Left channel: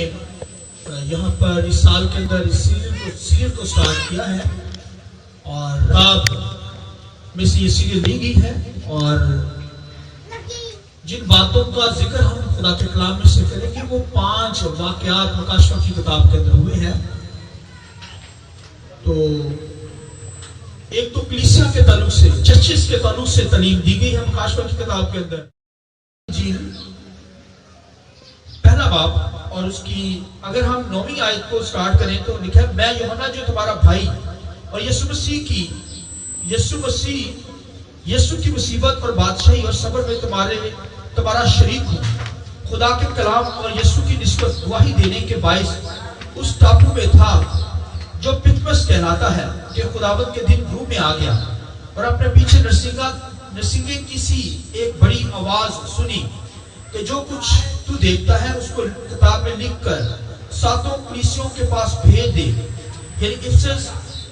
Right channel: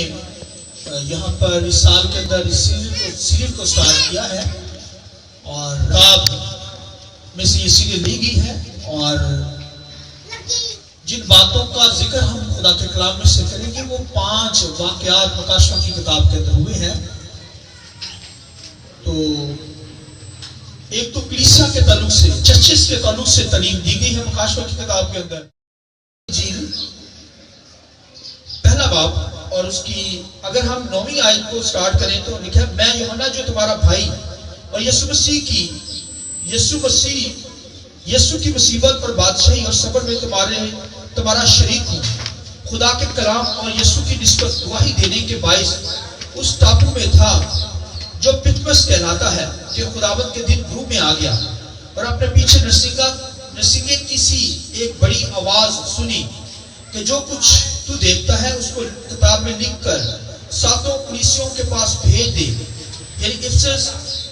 یہاں پر اس سال کے اندر اس سیریل کو سٹارٹ کیا ہے اور رات میں سے یہ سیریل لی گئی ہے، اور جن باتوں کا ذکر ہم خدا کے کلام میں سے کریں گے وہ 5 واقعات مکاشفہ کی کتاب کے اندر ہوئے ہیں۔ تو ایک تو کلیسیا کے تعلق سے، چرچز کے تعلق سے تعلیم دی گئی ہے مکاشفہ کی کتاب کے اندر۔ انجیل پہلا باب اور اس کی اگر ہم 9ویں آیت کو سٹارٹ کریں تو لکھا ہے، میں یوحنا جو تمہارا بھائی اور یسوع کی مصیبت پر بادشاہی اور صبر میں تمہارا شریک ہوں، خدا کے کلام اور یسوع کی نسبت گواہی دینے کے باعث اس ٹاپو میں تھا جو پتمس کہلاتا ہے کہ خداوند کے دن روح میں آ گیا اور اپنے پیچھے نرسنگے کی سی ایک بڑی آواز سنی کہ جو کچھ تو دیکھتا ہے اس کو کتاب میں لکھ کر 7 کلیسیوں کے پاس بھیج دے، یعنی افسس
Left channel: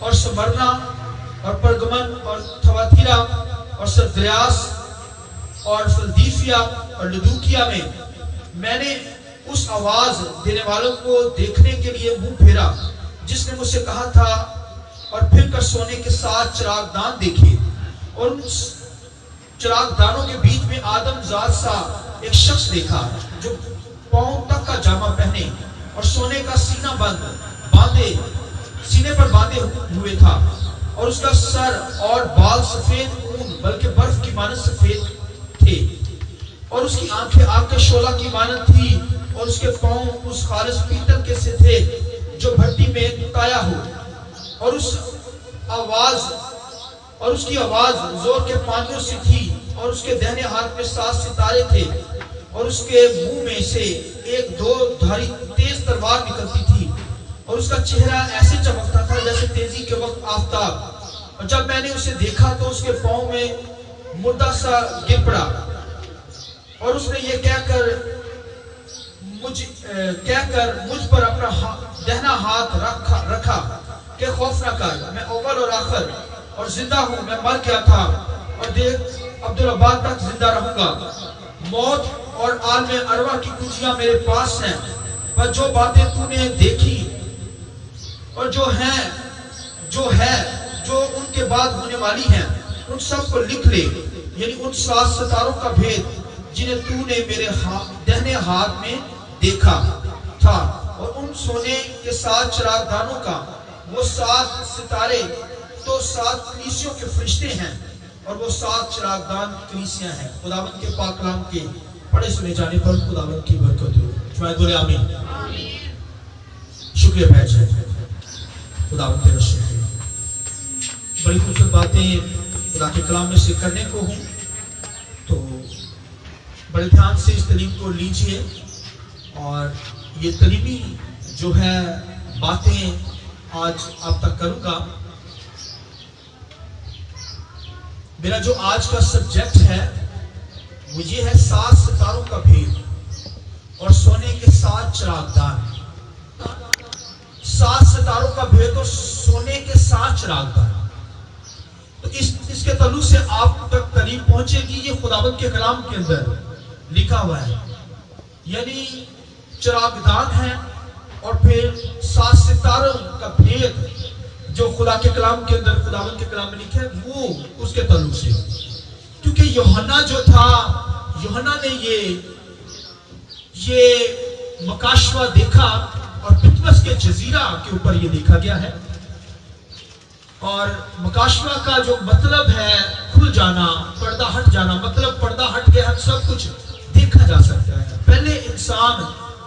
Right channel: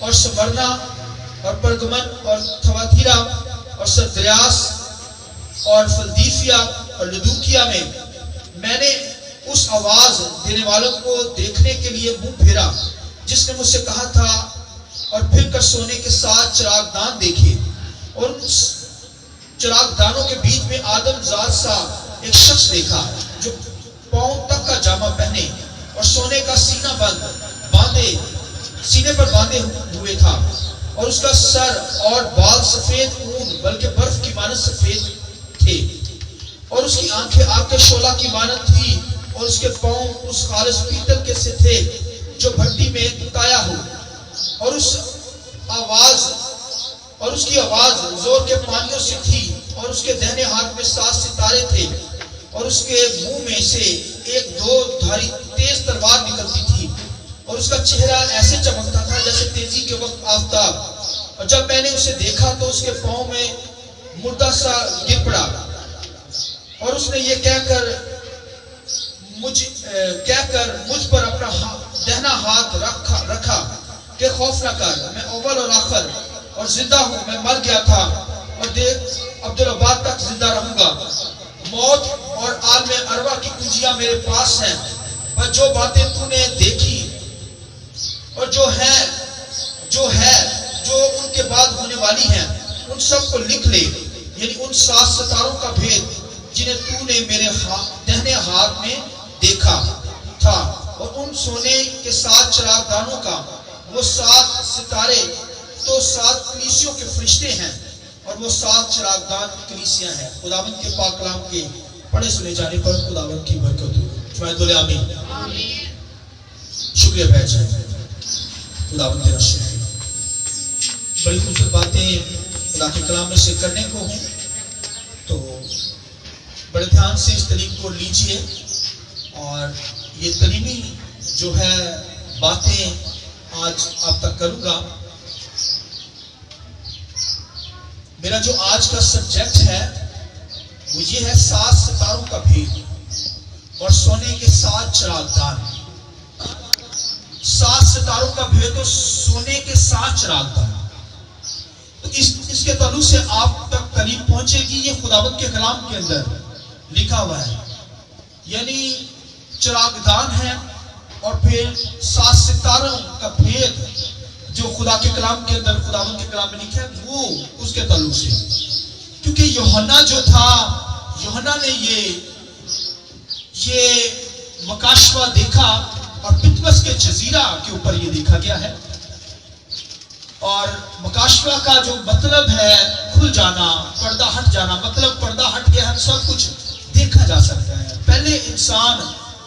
اور سمرنا اور پرگمن اور تھواتیرا اور سردریاس اور فلدیفیا اور لدوکیا میں نے اس آواز دینے والوں کو دیکھنے کے لیے منہ پھیرا جس نے مجھ سے کہا تھا، اور پھر کر سونے کے 7 چراغ دان دیکھے، اور ان چراغ دانوں کے بیچ میں آدم ذات سا ایک شخص دیکھا جو پاؤں تک کا جامہ پہنے اور سونے کا سینے پر باندھے ہوئے تھا، اور اس کا سر اور بال سفید اون بلکہ برف کی مانند سفید تھے، اور اس کی آنکھیں آگ کے شعلہ کی مانند تھی، اور اس کے پاؤں اس خالص پیتل کے سے تھے جو بھٹی میں تایا ہو، اور اس کی آواز زور کے پانیوں سے تھی، اور اس کے دہنے ہاتھ میں 7 ستارے تھے، اور اس کے منہ میں سے ایک 2 دھاری تیز تلوار نکلتی تھی، اور اس کا چہرہ ایسے چمکتا تھا جیسے تیزی کے وقت آفتاب، اور جب میں نے اسے دیکھا تو اس کے پاؤں میں مردہ سا گر پڑا، اور اس نے یہ کہہ کر مجھ پر اپنا دہنا ہاتھ رکھا کہ خوف نہ کر، میں اول اور آخر اور زندہ ہوں، میں مر گیا تھا اور دیکھ عبدالآباد تک زندہ رہوں گا، موت اور عالم ارواح کی کنجیاں میرے پاس ہیں، پر جو باتیں تو نے دیکھی اور جو ان کے بعد ہونے والی ہیں ان سب کو لکھ لے، یعنی ان 7 ستاروں کا بھید جنہیں تو نے میرے دہنے ہاتھ میں دیکھا تھا، اور ان سونے کے 7 چراغ دانوں کا وہ 7 ستارے تو 7 کلیسیوں کے فرشتے ہیں، اور وہ 7 چراغ دان کلیسیاں ہیں۔ خداوند کے پاک کلام کے پڑھے سنے جانے پر خداوند کی برکت ہو، شاید بولے آمین۔ شکریہ بھائی جان، خداوند تیرا شکریہ۔ بڑی خوبصورت باتیں خدا کے کلام میں سے کرنے کو ہوں، تو بڑے دھیان سے اس تعلیم کو لیجئے، اور یہ تعلیمی جو ہے باتیں آج آپ تک کروں گا۔ میرا جو آج کا سبجیکٹ ہے وہ یہ ہے 7 ستاروں کا بھید اور سونے کے 7 چراغ دان۔ 7 ستاروں کا بھید اور سونے کے 7 چراغ دان، تو اس کے تعلق سے آپ تک تعلیم پہنچے گی۔ یہ خداوند کے کلام کے اندر لکھا ہوا ہے، یعنی چراغ دان ہے، اور پھر 7 ستاروں کا بھید جو خدا کے کلام کے اندر خداوند کے کلام میں لکھا ہے وہ اس کے تعلق سے، کیونکہ یوحنا جو تھا، یوحنا نے یہ مکاشفہ دیکھا، اور پتمس کے جزیرہ کے اوپر یہ دیکھا گیا ہے، اور مکاشفہ کا جو مطلب ہے کھل جانا، پردہ ہٹ جانا، مطلب پردہ ہٹ کے ہم سب کچھ دیکھا جا سکتا ہے۔ پہلے انسان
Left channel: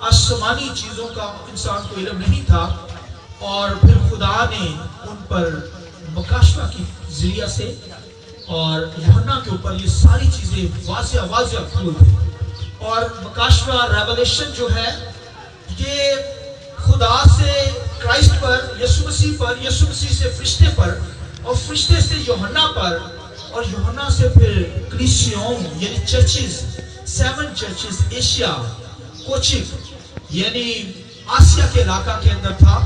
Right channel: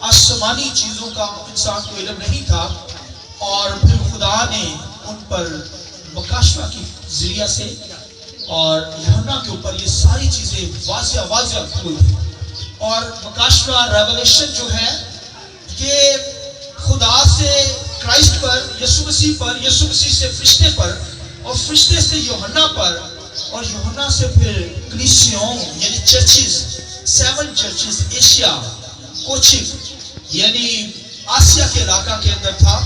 آسمانی چیزوں کا انسان کو علم نہیں تھا، اور پھر خدا نے ان پر مکاشفہ کی ذریعہ سے اور یوحنا کے اوپر یہ ساری چیزیں واضح کھول دی، اور مکاشفہ ریولیشن جو ہے یہ خدا سے کرائسٹ پر، یسوع مسیح سے فرشتے پر، اور فرشتے سے یوحنا پر، اور یوحنا سے پھر کلیسیوں یعنی چرچز، 7 چرچز ایشیا کوچک یعنی آسیا کے علاقہ کے اندر تھا،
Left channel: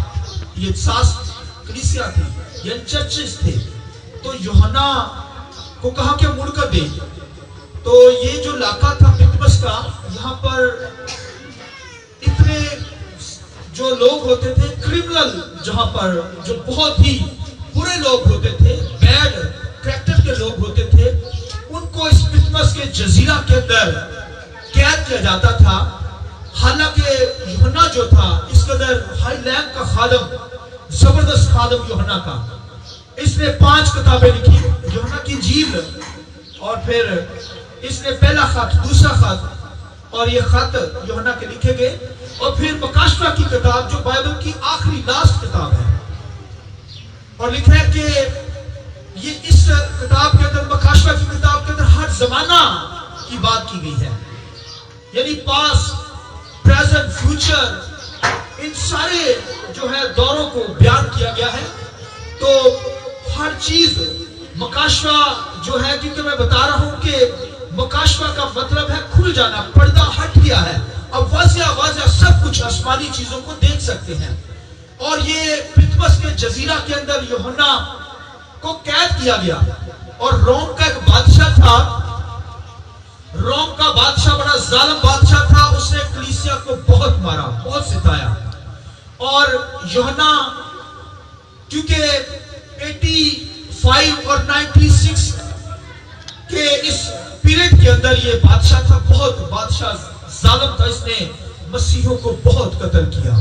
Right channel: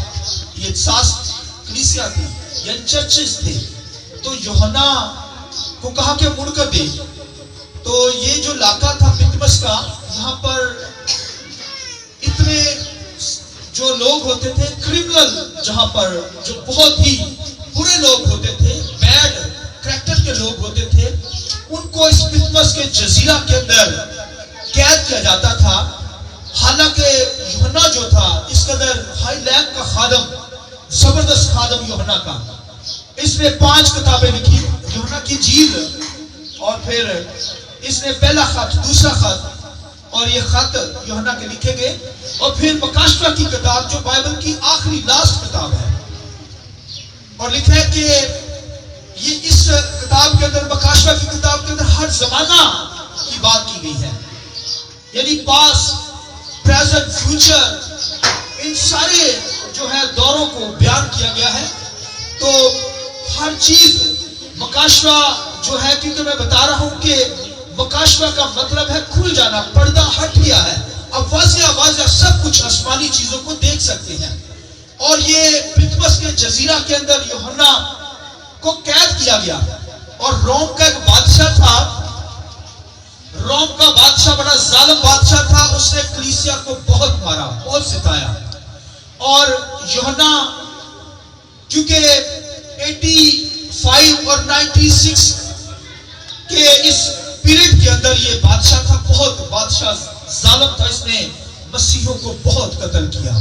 یہ 7 کلیسیاں تھی یعنی چرچز تھے۔ تو یوحنا کو کہا کہ مڑ کر دے، تو یہ جو علاقہ تھا پتمس کا، یہاں پر اتنے जो लोग होते थे क्रिमिनल, जहां पर जो बहुत ही बुरे लोग होते थे, बैड कैरेक्टर के लोग होते थे, उनको इस पितमस के जजीरा के अंदर कैद किया जाता था। हालांकि यूहन्ना जो था इस कदर हाई रैंक का खादम, जबरदस्त खादम यूहन्ना का, इसने 5 किताबें लिखी, यूहन्ना की इंजील, और फिर इसने पहला खत, दूसरा खत, और ये खत यूहन्ना के लिखे गए, और फिर मकाशवा की किताब जो बाइबल की आखिरी लास्ट किताब है, और लिखा है कि ये इस किताब के अंदर, मकाशवा की किताब के अंदर हर जमाना की बात की गई है, यानी पास्ट, प्रेजेंट, फ्यूचर, इन सारे जो है दौरों को बयान किया गया है। तो हर चीज मकाशवा जो है, क्योंकि मैं बता रहा हूं कि मकाशवा का मतलब है खुल जाना, पर्दा हट गया है, अब वाज़िया सब कुछ आसमानी चीजों को देख सकते हैं। और ये पितमस के जजीरा के अंदर यूहन्ना को कैद किया गया, और रोम का एक बादशाह था, रोम का बादशाह बड़ा जालिम बादशाह था, उसने कलीसिया को बहुत मारा, बहुत सिताया, और यूहन्ना क्योंकि 85 और 96 के इस पीरियड के अंदर ये बादशाह था, बहुत बादशाह जालिम था, इसने मसीहों को बहुत कत्ल किया,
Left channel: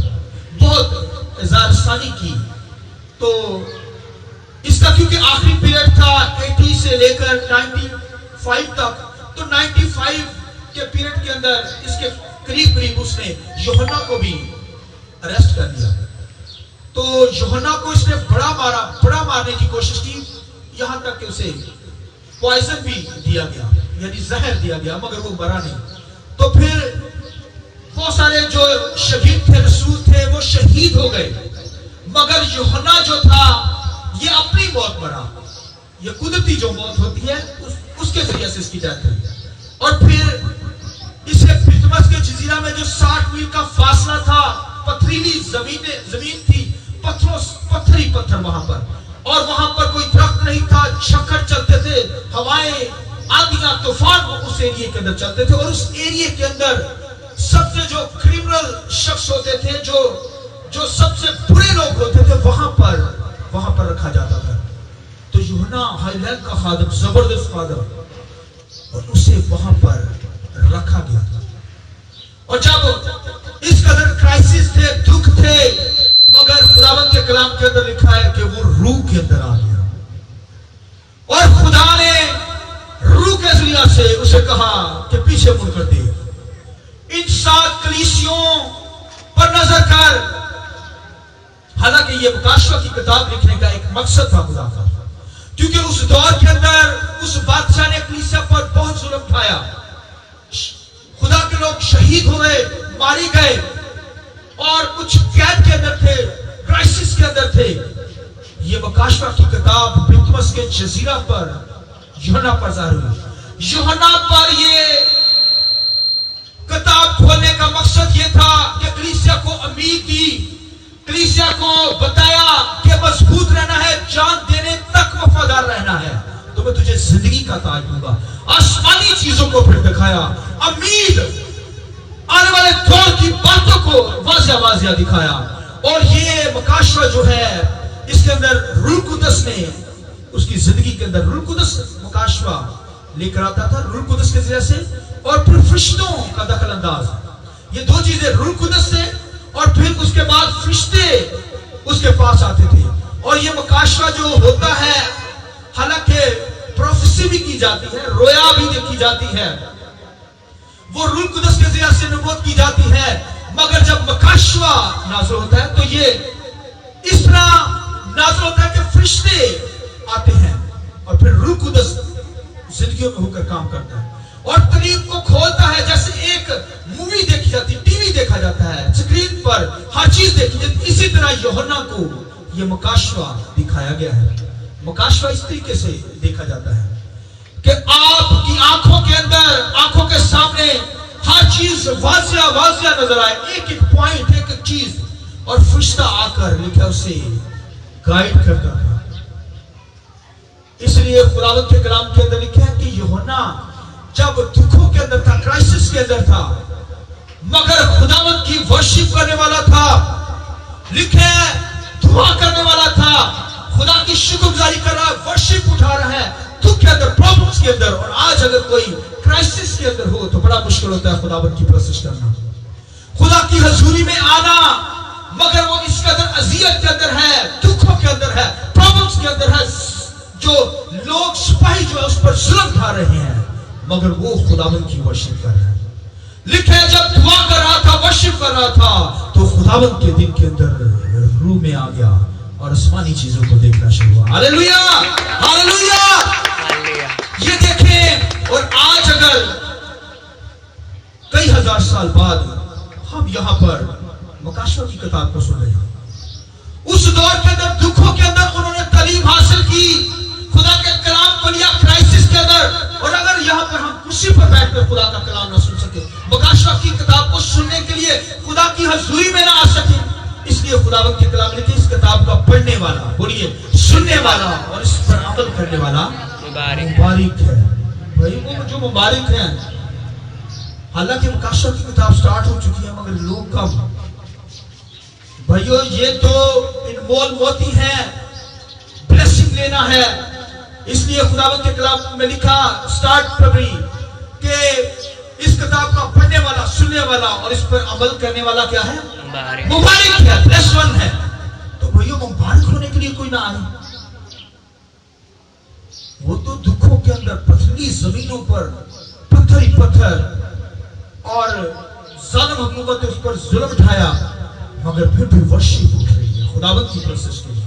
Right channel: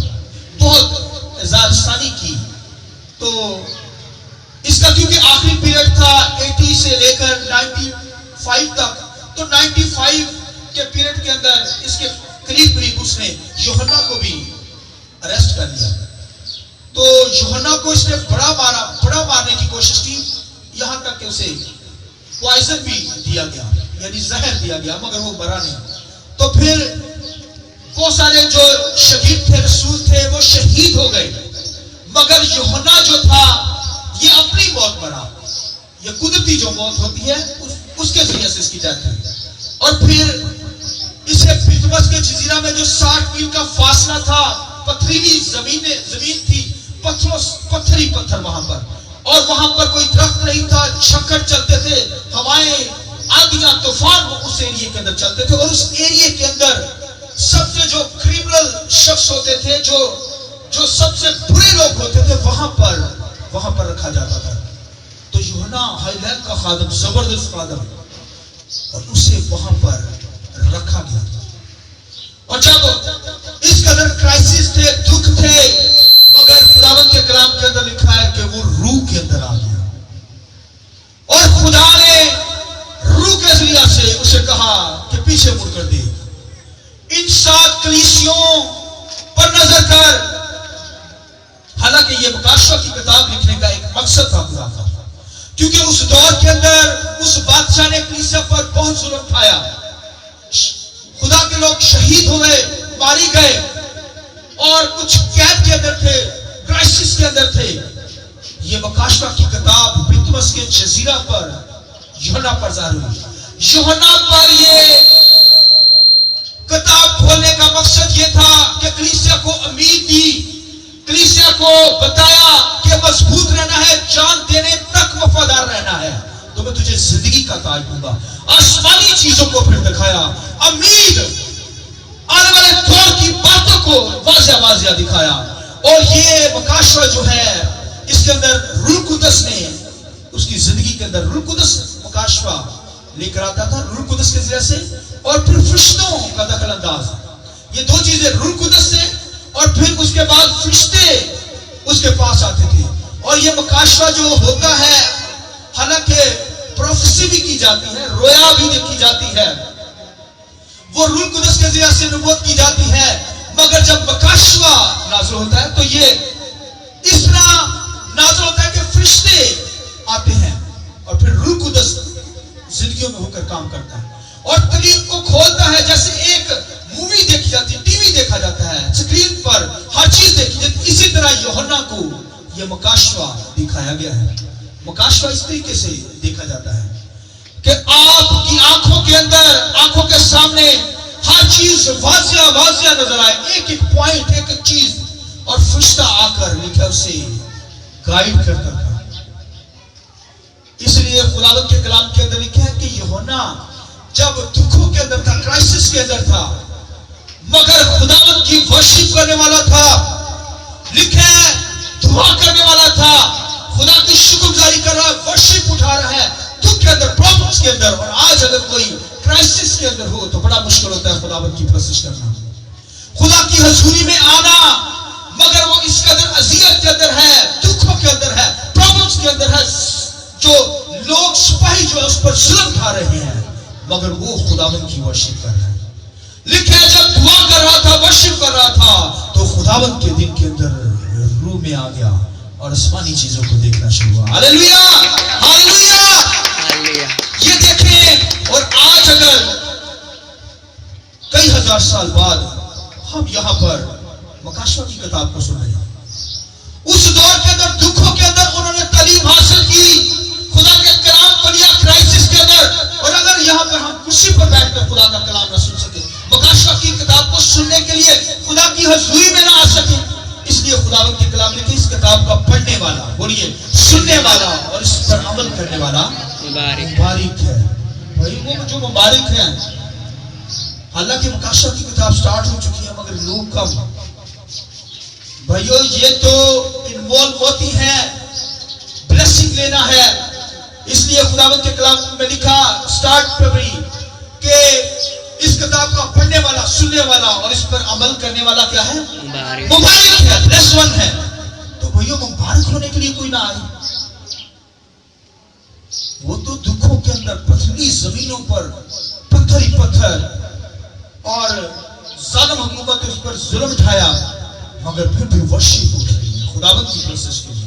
बहुत ज़ारसानी की। तो इसका क्योंकि आखिरी पीरियड था 80 से लेकर 95 तक, तो 95 के पीरियड के अंदर इसके करीब करीब उसने यूहन्ना को भी अरेस्ट कर लिया। तो यूहन्ना को इसने बड़ा मारने की कोशिश की, यहां तक कि उसे पॉइजन भी दिया गया, यानी जहर दिया गया, मगर वो मरा नहीं। तो फिर बहुत सारे जो शहीद थे, रसूल थे, वो शहीद हो गए, मगर यूहन्ना जो था ये अपनी मौत मरा, ये कुदरती जो मौत होती है उसके जरिए से इसकी डेथ हुई। और फिर इसे पितमस के जजीरा में जो 60 मील का फासला था, पथरीली जमीन थी, पत्थर वहां पर, और वहां पर कोई दरख्त नहीं था, झक्कड़ चलते थे, हवाएं, आंधियां, तूफान उस एरिया के अंदर चलते थे, और उस एरिया के अंदर सबसे जो क्रिमिनल शख्स होते थे, जो सबसे बुरे लोग होते थे, वहां पर रखा जाता था। तो यूहन्ना हाईलैंड का खादम, जबरदस्त खादम, और उसे वहां पर रखा गया था। और जब इस कदर क्राइसिस थे, दुख थे, मगर खुदावंद के कलाम के अंदर लिखा है कि वो रूह के अंदर आ गया, और खुदा ने रूह के जरिया से उसे कहा कि पीछे मुड़कर देख, इन 7 कलीसियों पर नजर कर। हालांकि ये मकाशवा की किताब लिखने का एक मकसद था खुदा का, क्योंकि उस दौर के अंदर उस बादशाह ने कलीसिया पर बहुत जुल्म उठाया, खुदा के लोग शहीद हुए, मारे गए, और कुछ कैद के अंदर थे, क्राइसिस के अंदर थे। ये मकाशवा की किताब पितमस के जजीरा पर यूहन्ना पर जाहिर हुई। यूहन्ना पर ये किताब खोलने का मकसद ये था कि कलीसिया को उम्मीद दी, कलीसिया को बताया कि मजबूत रहना है, जान देने तक वफादार रहना है, तो मैं तुझे जिंदगी का ताज दूंगा। आसमानी चीजों को फिर दिखाया, उम्मीद, आने वाले दौर की बातों को वाज़िया दिखाया। और ये मकाशवा जो है, इसके अंदर रूह कुदस ने, उसकी जिंदगी के अंदर रूह कुदस मकाशवा लेकर आता था, रूह कुदस के जरिए से, और फिर फरिश्तों का दखल अंदाज, ये 2 चीजें, रूह कुदस से, और फिर उसके बाद फरिश्ते उसके पास आते थे। और ये मकाशवा जो होता है, हालांकि प्रोफेसी भी की जाती है, रोया भी देखी जाती है, वो रूह कुदस के जरिए से नबूवत की जाती है, मगर जब मकाशवा नाज़िल होता है तो ये इस तरह नाज़िल होता है कि फरिश्ते आते हैं, और फिर रूह कुदस जिंदगियों में होकर काम करता है, और कलीम को खोलता है। जैसे एक मूवी देखी जाती है, टीवी देखा जाता है, स्क्रीन पर हर चीज देखी जाती है, इसी तरह यूहन्ना को यह मकाशवा दिखाया गया है। मकाशवा इस तरीके से देखा जाता है कि आपकी आंखों के अंदर, आंखों के सामने हर चीज वाज़िया नजर आए, एक एक पॉइंट, एक एक चीज, और फरिश्ता आकर लिखा उसे गाइड करता था। इसलिए खुदावंद के कलाम के अंदर लिखा है कि यूहन्ना जब दुखों के अंदर था, क्राइसिस के अंदर था, मगर खुदावंद की वर्शिप करने वाला था, लिखे दुआ करने वाला था, खुदा की शुक्रगुजारी कर रहा है, वर्शिप उठा रहा है दुख के अंदर, प्रॉब्लम्स के अंदर। और आज अगर कोई क्राइसिस के अंदर हो तो बड़ा मुश्किल होता है खुदावंद की प्रोसेस करना, खुदा की हजूरी में आना, मगर वो इस कदर अजियत के अंदर है, दुखों के अंदर है, प्रॉब्लम्स के अंदर है, जो लोग सिपाही जो है उस पर जुल्म ढा रहे हैं, मगर वो खुदावंद की वर्शिप कर रहा है। लिखे जब दुआ कर रहा था, वर्शिप कर रहा था, तो खुदावंद के दिन के अंदर रूह में आ गया और आसमानी चीजों को देखना शुरू हुआ। Hallelujah, hallelujah. ये देखें, और आज अगर कई हजार साल बाद हम यहां पर मकाशवा की किताब को सुन रहे हैं, उस दौर के अंदर दुखों के अंदर उन्होंने तालीम हासिल की, खुदा के कलाम को लिया क्राइसिस के अंदर, और अगर यहां पर हम कुर्सी पर बैठकर खुदा का कलाम ना सुन सके, मकाशवा की किताब को सुनने के लिए खुदा की हजूरी में ना आ सके, इसलिए खुदावंद के कलाम लिखे, इस किताब का पढ़ने वाला, बोलिए सुनने वाला और इस पर अमल करने वाला मुबारक है। भाई वो जो मुबारक है, हालांकि मकाशवा की किताब स्टार्ट हो चुकी है, मगर लोग कम, भाइयों ये तो इन्वॉल्व होती है, ब्लेसिंग लेना है, इसलिए खुदावंद के कलाम में लिखा स्टार्ट फरवरी के इस किताब का पढ़ने वाला, सुनने वाला और इस पर अमल करने वाला क्या है? मुबारक है, ब्लेस्ड वन है। तो भैया मुबारक होने के लिए कोई ना आए, वो तो दुखों के अंदर पथरीली जमीनों पर पत्थर ही पत्थर और जालिम हुकूमत उस पर जुल्म ढाया, मगर फिर भी वर्शिप उठ रही है खुदावंद की प्रोसेस के लिए।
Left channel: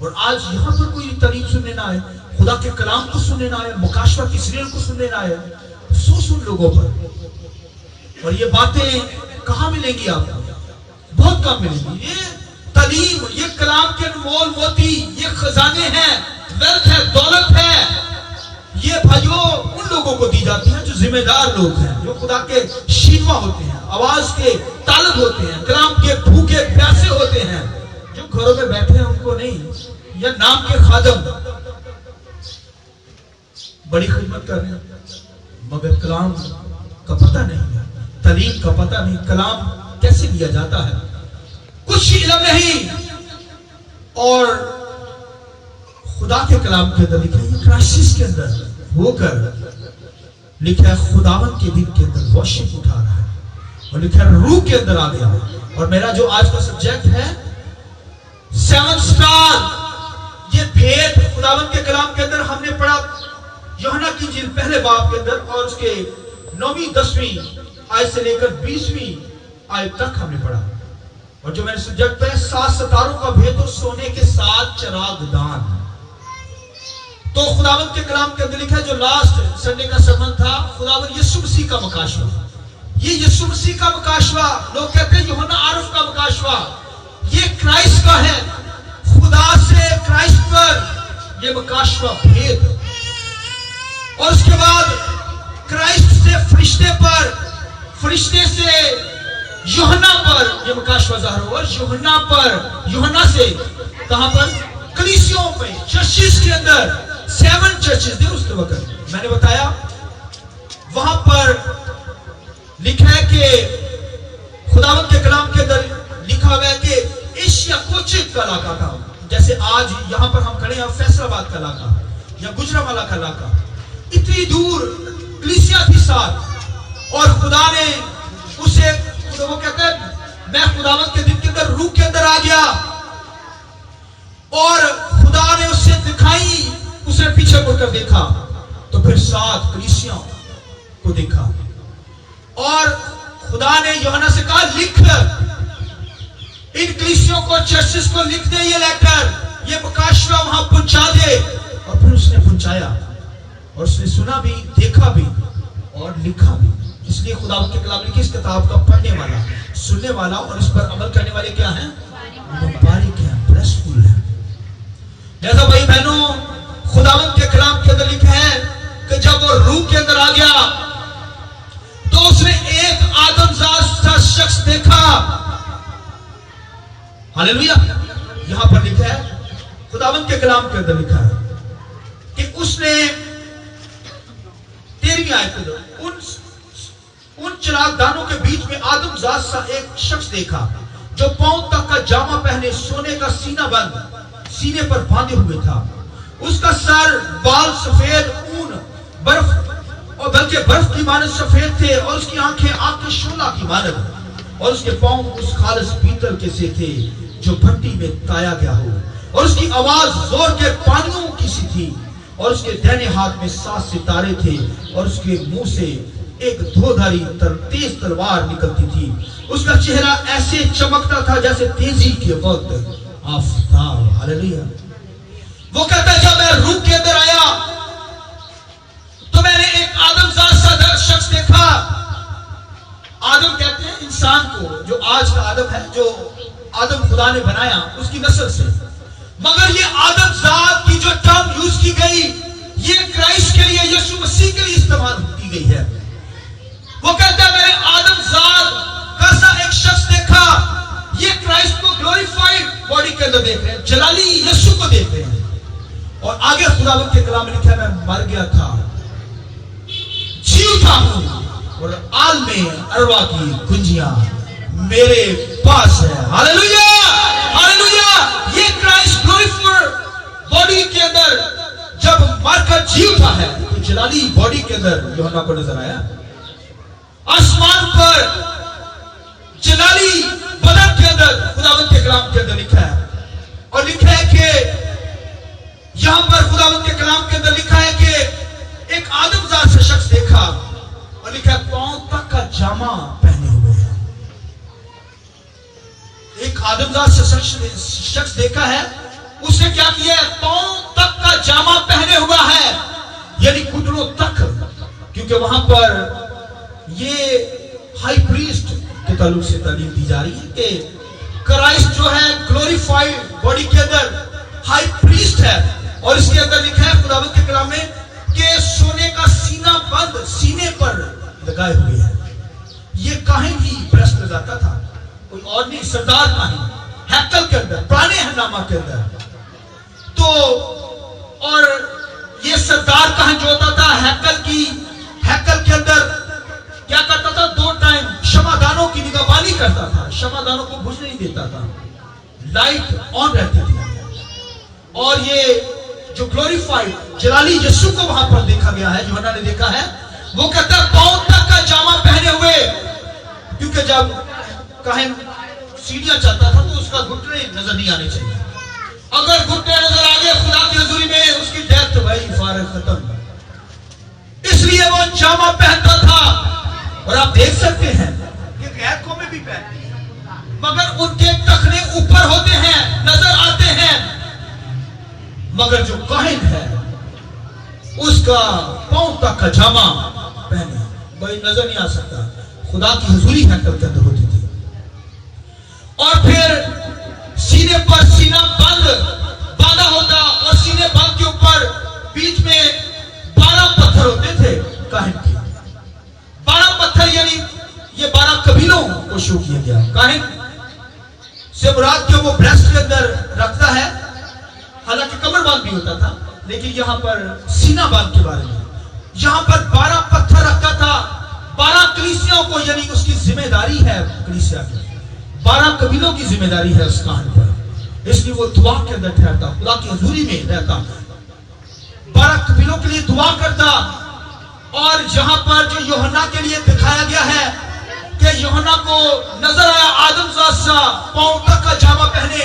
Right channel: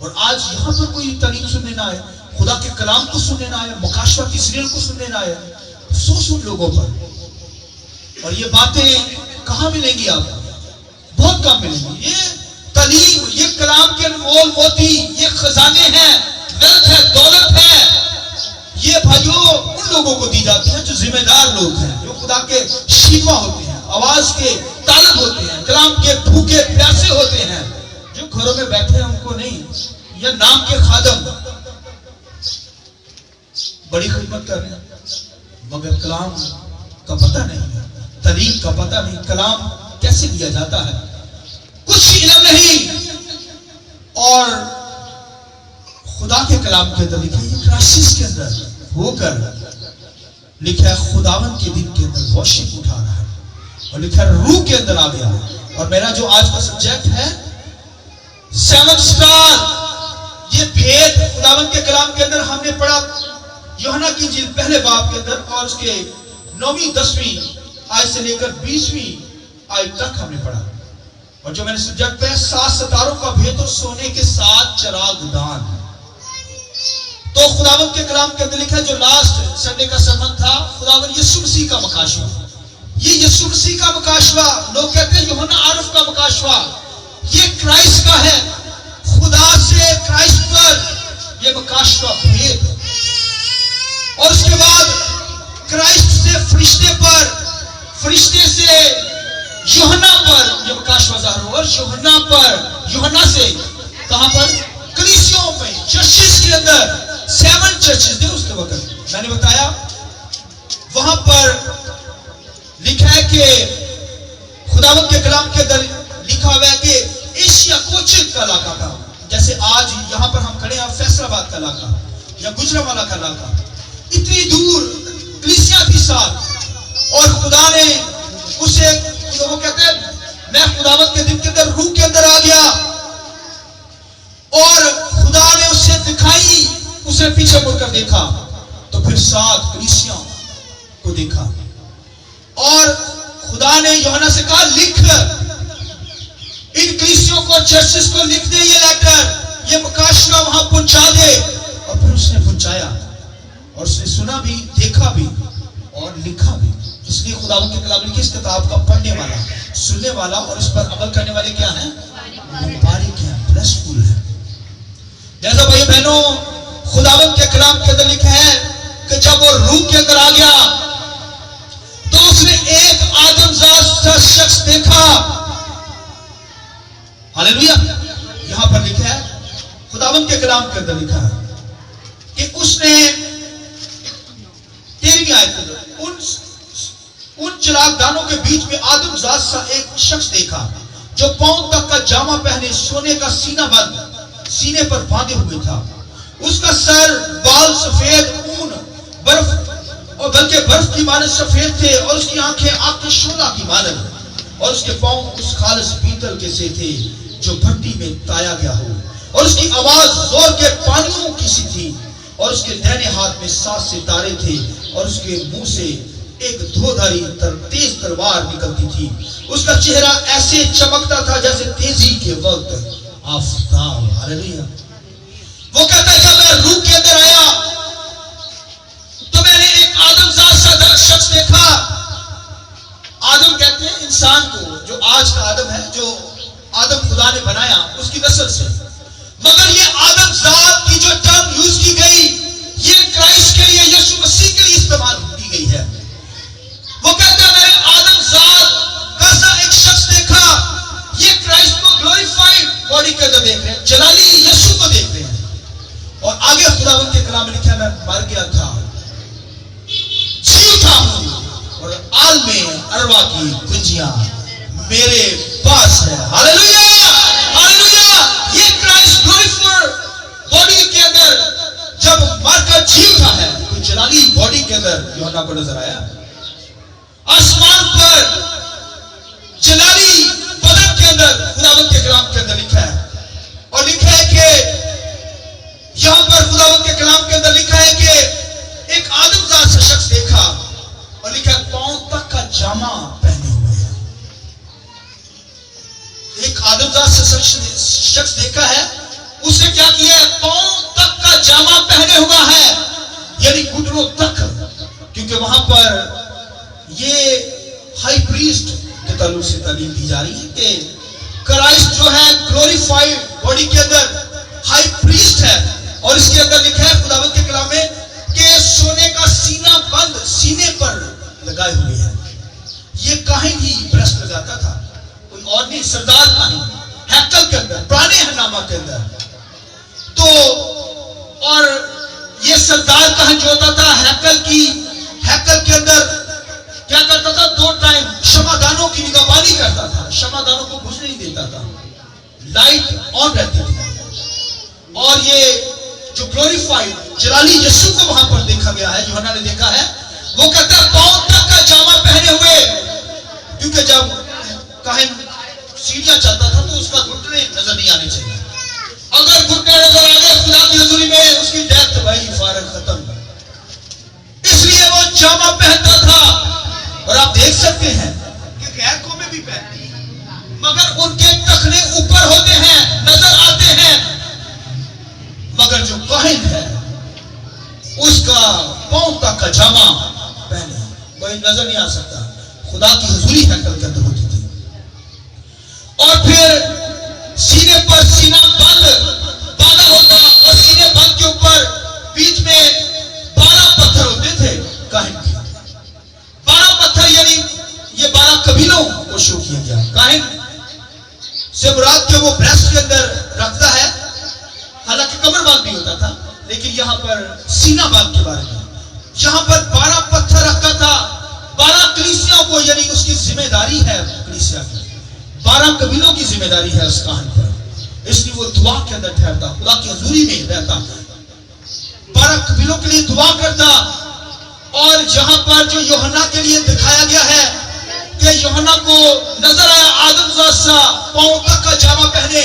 और आज यहां पर कोई तालीम सुनने ना आए, खुदा के कलाम को सुनने ना आए, मकाशवा की सीरियल को सुनने ना आए, अफसोस उन लोगों पर। और ये बातें कहां मिलेंगी आपको? बहुत कम मिलेंगी। ये तालीम, ये कलाम के अनमोल मोती, ये खजाने हैं, वेल्थ है, दौलत है, ये भाइयों उन लोगों को दी जाती है जो जिम्मेदार लोग हैं, जो खुदा के शीमा होते हैं, आवाज के तालब होते हैं, कलाम के भूखे प्यासे होते हैं, जो घरों में बैठे हैं उनको नहीं, या नाम के खादम बड़ी खिदमत कर रहे हैं, मगर कलाम का पता नहीं है, तालीम का पता नहीं, कलाम कैसे दिया जाता है, कुछ इल्म नहीं। और खुदा के कलाम के अंदर लिखा है, क्राइसिस के अंदर होकर लिखा है खुदावंद के दिन के अंदर वर्शिप उठा रहा है, और लिखा है रूह के अंदर आ गया। और मेरा जो आज का सब्जेक्ट है 7 स्टार, ये भेद खुदावंद के कलाम के अंदर हमने पढ़ा यूहन्ना की इंजील पहले बाब के अंदर, और उसके 9वीं 10वीं आयत से लेकर 20वीं आयत तक हमने पढ़ा। और जो मैंने सब्जेक्ट पे 7 सितारों का भेद और सोने के 7 चिराग दान, तो खुदावंद के कलाम के अंदर लिखा है, जो लास्ट संडे का sermon था, खुदावंद यीशु मसीह का मकाशवा, ये यीशु मसीह का मकाशवा, लोग कहते हैं यूहन्ना आरफ का मकाशवा, ये क्राइस्ट का है, खुदा से क्राइस्ट पर ये मकाशवा भेद। और उसके बाद क्राइस्ट से फरिश्ते पर, फरिश्ते से यूहन्ना पर ये मकाशवा ज़ाहिर हुआ, और यूहन्ना पर, यूहन्ना से कहां पर? कलीसियों पे, चर्चेस के अंदर 7 चर्चेस थे उस वक्त, मैंने बताया वहां पर लिखा है कि खुदावंद के कलाम के अंदर लिखा हुआ है कि एशिया कोचित का इलाका था, जैसे आज यहां पर हम खड़े हैं फैसलाबाद का इलाका या गुजरांवाला का इलाका, इतनी दूर कलीसिया थी साथ, और खुदा ने उसे, वो कहते हैं मैं खुदावंद के दिन के अंदर रूह के अंदर आ गया, और खुदा ने उसे दिखाई, उसे पीछे मुड़कर देखा, तो फिर 7 कलीसिया को देखा, और खुदा ने यूहन्ना से कहा लिख, इन कलीसियों को, चर्चेस को लिख दे ये लेटर, ये मकाशवा वहां पहुंचा दे। और फिर उसने पहुंचाया, और उसने सुना भी, देखा भी और लिखा भी। इसलिए खुदावंद के कलाम लिखे, इस किताब का पढ़ने वाला, सुनने वाला और इस पर अमल करने वाले क्या हैं? मुबारक है, ब्लेसफुल है। जैसा भाई बहनों, खुदावंद के कलाम के अंदर लिखा है कि जब वो रूह के अंदर आ गया तो उसने एक आदमजात शख्स देखा। हालेलुया। यहां पर लिखा है, खुदावंद के कलाम के अंदर लिखा है कि उसने 13वीं आयत के अंदर उन चिरागदानों के बीच में आदमजात सा एक शख्स देखा जो पांव तक का जामा पहने, सोने का सीना बंद सीने पर बांधे हुए था। उसका सर, बाल सफेद ऊन बर्फ और बल्कि बर्फ की मानद सफेद थे, और उसकी आंखें आग के शोला की मानद, और उसके पांव उस खालिस पीतल के से थे जो भट्टी में ताया गया हो, और उसकी आवाज जोर के पानियों की सी थी, और उसके दाहिने हाथ में 7 सितारे थे, और उसके मुंह से एक धोधारी तेज तलवार निकलती थी। उसका चेहरा ऐसे चमकता था जैसे तेजी के वक्त आफताब। हालेलुया। वो कहता है, जब मैं रूह के अंदर आया तो मैंने एक आदमजात सा शख्स देखा। आदम कहते हैं इंसान को, जो आज का आदम है, जो आदम खुदा ने बनाया उसकी नस्ल से। मगर ये आदमजात की जो टर्म यूज की गई, ये क्राइस्ट के लिए, यीशु मसीह के लिए इस्तेमाल की गई है। वो कहता है, मैंने आदमजात का सा एक शख्स देखा। ये क्राइस्ट को ग्लोरीफाइड बॉडी के अंदर देख रहे हैं, जलाली यीशु को देख रहे हैं। और आगे खुदावंद के कलाम में लिखा है, मैं मर गया था, जी उठा हूं, और आलमे अरवा की कुंजियां मेरे पास है। Hallelujah, hallelujah. ये क्राइस्ट ग्लोरीफाइड बॉडी के अंदर जब मरकर जी उठा है, तो जलाली बॉडी के अंदर यूहन्ना को नजर आया। आसमान पर जलाली बदन के अंदर खुदावंद के कलाम के अंदर लिखा है, और लिखा है कि यहां पर खुदावंद के कलाम के अंदर लिखा है कि एक आदमजात से शख्स देखा, और लिखा है पांव तक का जामा पहने हुए है। एक आदमजात से शख्स देखा है, उसने क्या किया है, पांव तक का जामा पहने हुआ है, यानी घुटनों तक, क्योंकि वहां पर ये हाई प्रीस्ट के ताल्लुक से तालीम दी जा रही है कि क्राइस्ट जो है ग्लोरीफाइड बॉडी के अंदर हाई प्रीस्ट है। और इसके अंदर लिखा है खुदावंद के कलाम में कि सोने का सीना बंद सीने पर लगाए हुए है। ये काहिन ही ब्रेस्ट लगाता था, कोई और नहीं, सरदार काहिन, हैकल के अंदर, पुराने हंगामा के अंदर। तो और ये सरदार काहिन जो होता था हैकल के अंदर क्या करता था, 2 टाइम क्षमादानों की निगहबानी करता था, क्षमादानों को बुझने नहीं देता था, लाइट ऑन रहती थी। और ये जो ग्लोरीफाइड जलाली यीशु को वहां पर देखा गया है, यूहन्ना ने देखा है, वो कहता है पांव तक का जामा पहने हुए, क्योंकि जब काहिन सीढ़ियां चलता था तो उसका घुटने नजर नहीं आने चाहिए। अगर घुटने नजर आ गए खुदा की हुजूरी में, उसकी डेथ भाई फारग खत्म। इसलिए वो जामा पहनता था। और आप देख सकते हैं कि गैर कौमें भी पहनती हैं, मगर उनके टखने ऊपर होते हैं, नजर आते हैं, मगर जो काहिन है उसका पांव तक का जामा पहने, वही नजर नहीं आ सकता। खुदा की हुजूरी हैकल के अंदर होती थी। और फिर सीने पर सीना बांधा होता, और सीने बंद के ऊपर बीच में 12 पत्थर होते थे काहिन के। 12 पत्थर, यानी ये 12 कबीलों को शो किया गया। काहिन से मुराद जो वो ब्रेस्ट के अंदर रखता है, हालांकि कमर बांध भी होता था, लेकिन यहां पर सीना बांध के बारे में, यहां पर 12 पत्थर रखा था। 12 कलीसियाओं को, यानी उसकी जिम्मेदारी है कलीसिया की, 12 कबीलों की जिम्मेदारी है उस काहिन पर। इसलिए वो दुआ के अंदर ठहरता, खुदा की हुजूरी में रहता, 12 कबीलों के लिए दुआ करता। और जहां पर जो यूहन्ना के लिए दिखाया गया है कि यूहन्ना को नजर आया आदमजात सा पांव तक का जामा पहने,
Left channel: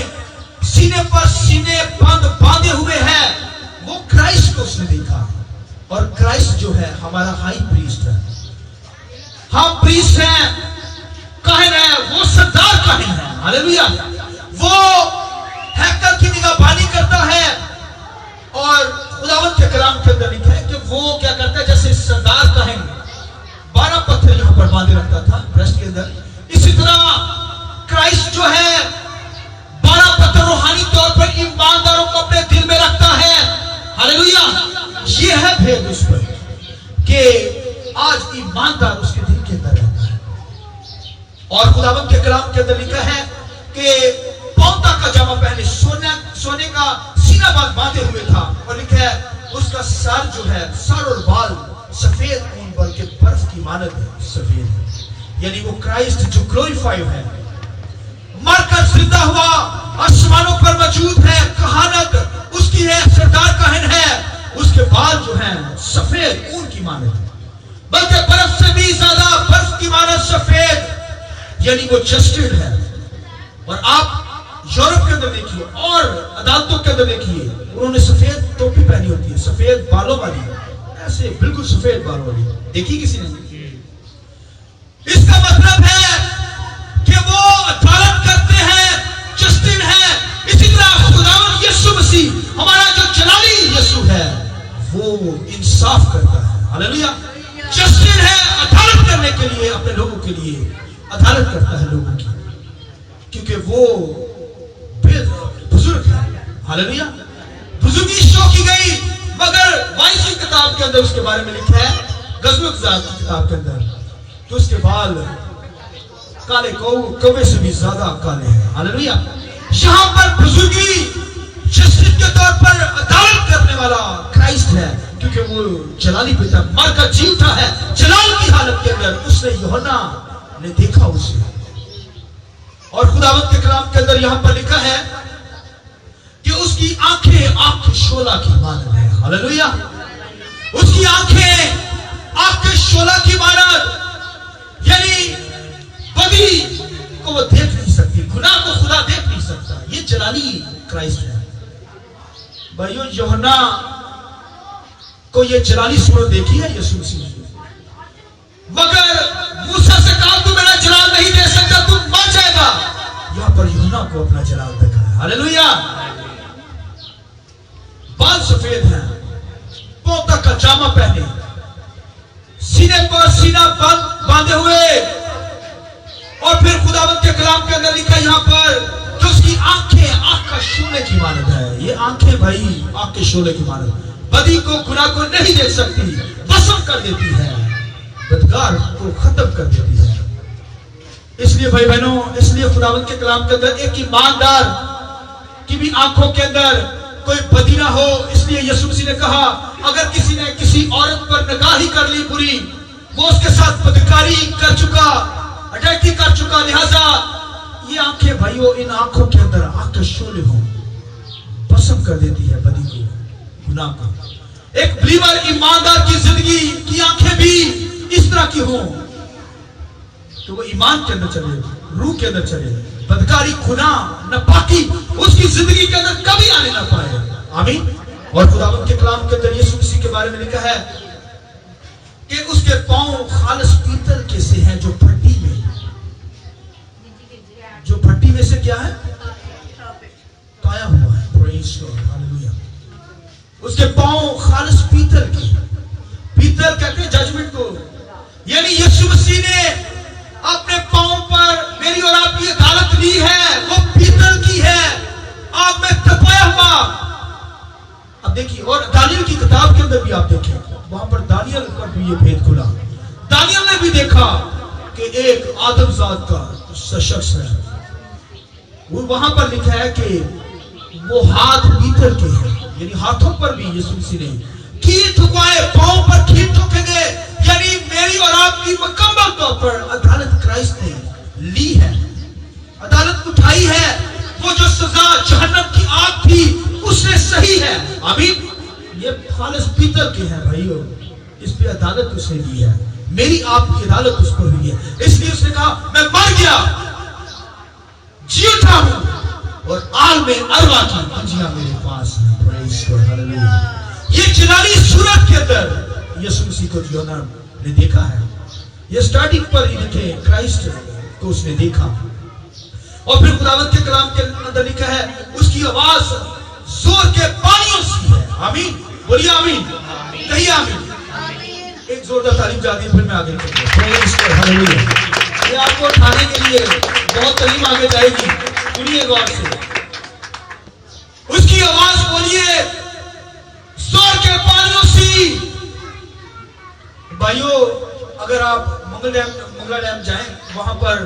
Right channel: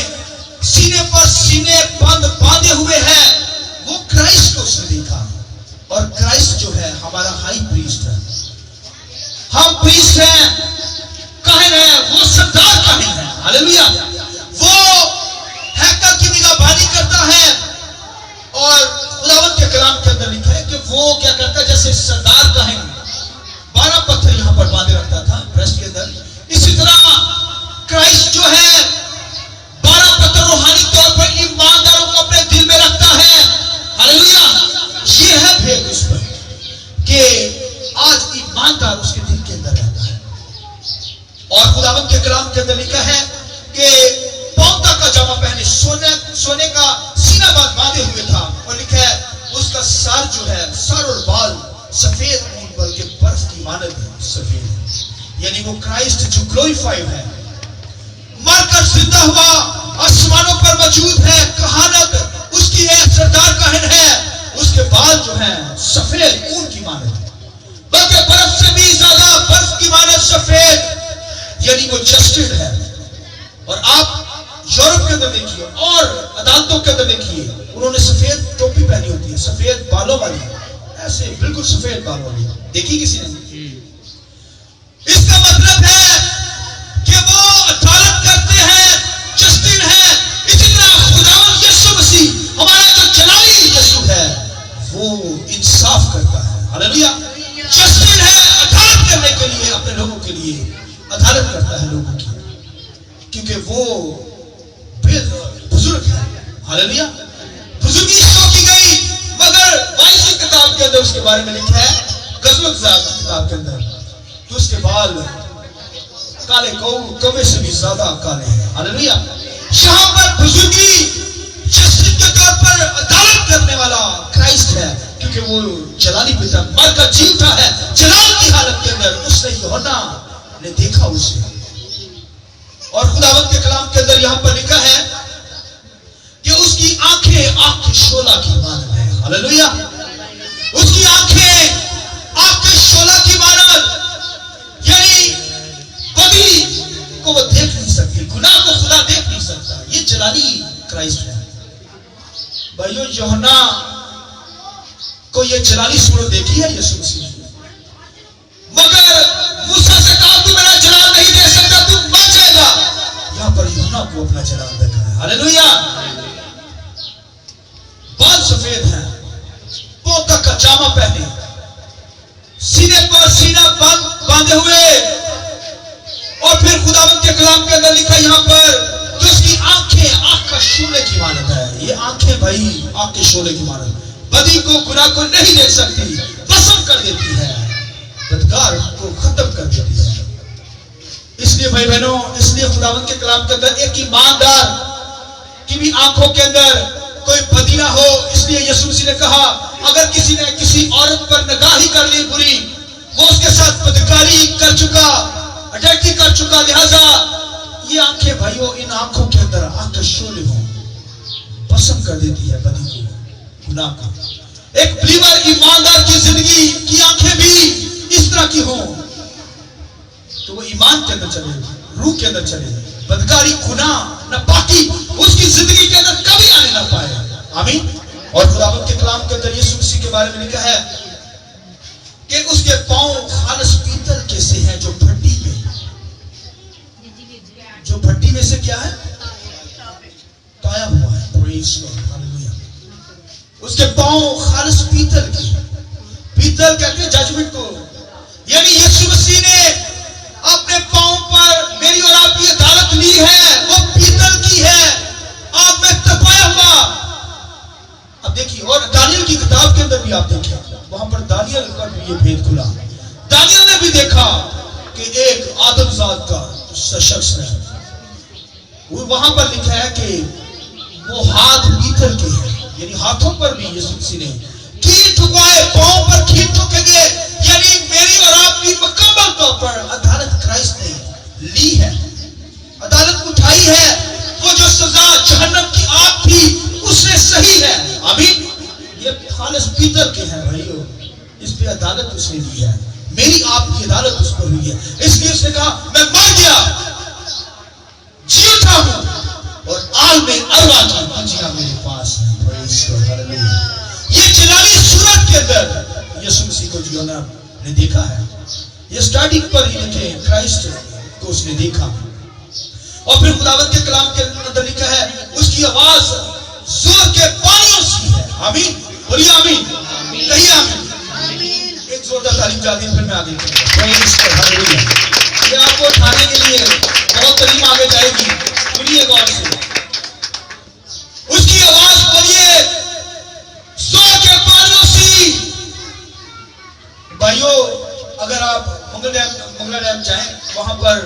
सीने पर सीने बांधे हुए है, वो क्राइस्ट को उसने देखा। और क्राइस्ट जो है हमारा हाई प्रीस्ट है, हम प्रीस्ट हैं, काहिन है, वो सरदार काहिन है। हालेलुया। वो हैकल की निगहबानी करता है। और खुदावंद के कलाम के अंदर लिखा है कि वो क्या करता है, जैसे सरदार काहिन 12 पत्थर यहां पर बांधे रखता था ब्रेस्ट के अंदर, इसी तरह क्राइस्ट जो है 12 पत्थर रूहानी तौर पर ईमानदारों को अपने दिल में रखता है। हालेलुया। ये है भेद उस पर कि आज ईमानदार उसके दिल के अंदर रहता है। और खुदावंद के कलाम के अंदर लिखा है कि पांव तक का जामा पहने, सोने का सीना बांधे हुए था। और लिखा है उसका सर जो है, सर और बाल सफेद ऊन बल्कि बर्फ की मानद सफेद है, यानी वो क्राइस्ट जो ग्लोरीफाइड है, मर کر زندہ ہوا، آسمانوں پر موجود ہے، کہانت اس کی ہے، سردار کاہن ہے، اس کے بال جو ہیں سفید اون کی مانند ہے، بلکہ برف سے بھی زیادہ برف کی مانند سفید، یعنی وہ جسٹڈ ہے۔ اور آپ یورپ کے اندر دیکھیے اور عدالتوں کے اندر دیکھیے، انہوں نے سفید ٹوپی پہنی ہوتی ہے، سفید بالوں والی، ایسے بالکل سفید بالوں والی، دیکھی کسی نے؟ اس کا مطلب ہے کہ وہ عدالت کرتے ہیں، جسٹڈ ہے۔ اسی طرح خداوند یسوع مسیح ہمارا جو جلالی یسوع ہے وہ انصاف کرتا ہے، ہاللیلویا، جسٹڈ ہے، عدالت کرنے کے لیے، اپنے لوگوں کے لیے عدالت کرتا ہے لوگوں کی، کیونکہ وہ بزرگ ہے، ہاللیلویا، بزرگی شو کی گئی۔ مگر وائسی کتاب کے اندر اس کے بارے میں لکھا ہے، غزوہ ذات کی کتاب کے اندر، تو اس کے بال کالے کوے سے بھی زیادہ کالے ہیں، ہاللیلویا۔ یہاں پر بزرگی جسٹس کے طور پر عدالت کرنے والا کرائسٹ ہے، کیونکہ وہ جلالی پتا مر کر جی اٹھا ہے جلال کی حالت کے اندر۔ اس نے یوحنا نے دیکھا اسے، اور خداوند کے کلام کے اندر یہاں پر لکھا ہے کہ اس کی آنکھیں آگ کے شعلہ کی مانند ہے، ہاللیلویا، اس کی آنکھیں آگ کے شعلہ کی مانند، یعنی بدی کو وہ دیکھ نہیں سکتی، گناہ کو خدا دیکھ نہیں سکتا۔ یہ جلالی کرائسٹ ہے بھائیو۔ یوحنا کو یہ جلالی صورت دیکھی ہے یسوع مسیح نے، مگر موسیٰ سے کہا تو میرا جلال نہیں دے سکتا، تو مر جائے گا۔ یہاں پر یوحنا کو اپنا جلال دیکھا ہے، ہاللیلویا۔ بال سفید ہیں، پاؤں تک کا جامہ پہنے، سینے پر سینہ باندھے ہوئے، اور پھر خداوند کے کلام کے اندر لکھا یہاں پر کہ اس کی آنکھیں آگ کا شعلے کی مانند ہے۔ یہ آنکھیں بھائی آگ کے شعلے کی مانند، بدی کو گناہ کو نہیں دیکھ سکتی، وسم کر دیتی ہے، بدکار کو ختم کر دیتی ہے۔ اس لیے بھائی بہنوں، اس لیے خداوند کے کلام کے اندر ایک ایماندار کی بھی آنکھوں کے اندر کوئی بدی نہ ہو۔ اس لیے یسوع مسیح نے کہا اگر کسی نے کسی عورت پر نگاہی کر لی بری، وہ اس کے ساتھ بدکاری کر چکا، اڈلٹری کر چکا، لہذا یہ آنکھیں بھائیو، ان آنکھوں کے اندر آگ کے شعلے ہوں، بسم کر دیتی ہے بدی کو، گناہ کو۔ ایک بلیور ایماندار کی زندگی کی آنکھیں بھی اس طرح کی ہوں تو وہ ایمان کے اندر چلے، روح کے اندر چلے، بدکاری، گناہ، ناپاکی اس کی زندگی کے اندر کبھی آنے نہ پائے، آمین۔ اور خداوند کے کلام کے اندر یسوع مسیح کے بارے میں لکھا ہے کہ اس کے پاؤں خالص پیتل کے سے ہیں، جو بھٹی میں سے کیا ہے؟ تایا ہوا ہے، پریز گاڈ، ہاللیلویا۔ اس کے پاؤں خالص پیتل کے، پیتل کہتے ہیں ججمنٹ کو، یعنی یسوع مسیح نے اپنے پاؤں پر میری اور آپ کی عدالت لی ہے، وہ پیتل کی ہے، آپ میں تپایا ہوا۔ اب دیکھیے، اور دانیل کی کتاب کے اندر بھی آپ دیکھیں، وہاں پر دانیل پر بھی یہ بھید کھلا، دانیل نے بھی دیکھا کہ ایک آدم ذات کا شخص ہے، وہاں پر لکھا ہے کہ وہ ہاتھ پیتل کے ہیں، یعنی ہاتھوں پر بھی یسوع مسیح نے کھیر ٹھکائے، پاؤں پر کھیر ٹھکے گئے، یعنی میری اور آپ کی مکمل طور پر عدالت کرائسٹ نے لی ہے، عدالت اٹھائی ہے۔ وہ جو سزا جہنم کی آگ تھی اس نے صحیح ہے، آمین۔ یہ خالص پیتل کے ہیں بھائیو، اس پہ عدالت اس نے دی ہے، میری آپ کی عدالت اس پر ہوئی ہے۔ اس لیے اس نے کہا میں مر گیا، جی اٹھا ہوں، اور عالم ارواح کی منجیاں میرے پاس ہیں، پریز گاڈ، ہاللیلویا۔ یہ جلالی صورت کے اندر یسوع مسیح کو یوحنا نے دیکھا ہے، یہ سٹارٹنگ پر ہی لکھے کرائسٹ کو اس نے دیکھا، اور پھر خداوند کے کلام کے اندر لکھا ہے اس کی آواز زور کے پانیوں سی ہے، آمین، بولیے آمین، کہیے آمین۔ ایک زوردار تعلیم جاتی ہے، پھر میں آگے پریز گاڈ، ہاللیلویا۔ یہ آپ کو اٹھانے کے لیے بہت تعلیم آگے جائے گی، سنیے غور سے، اس کی آواز بولیے زور کے پانیوں سی۔ بھائیو، اگر آپ منگلا ڈیم جائیں، وہاں پر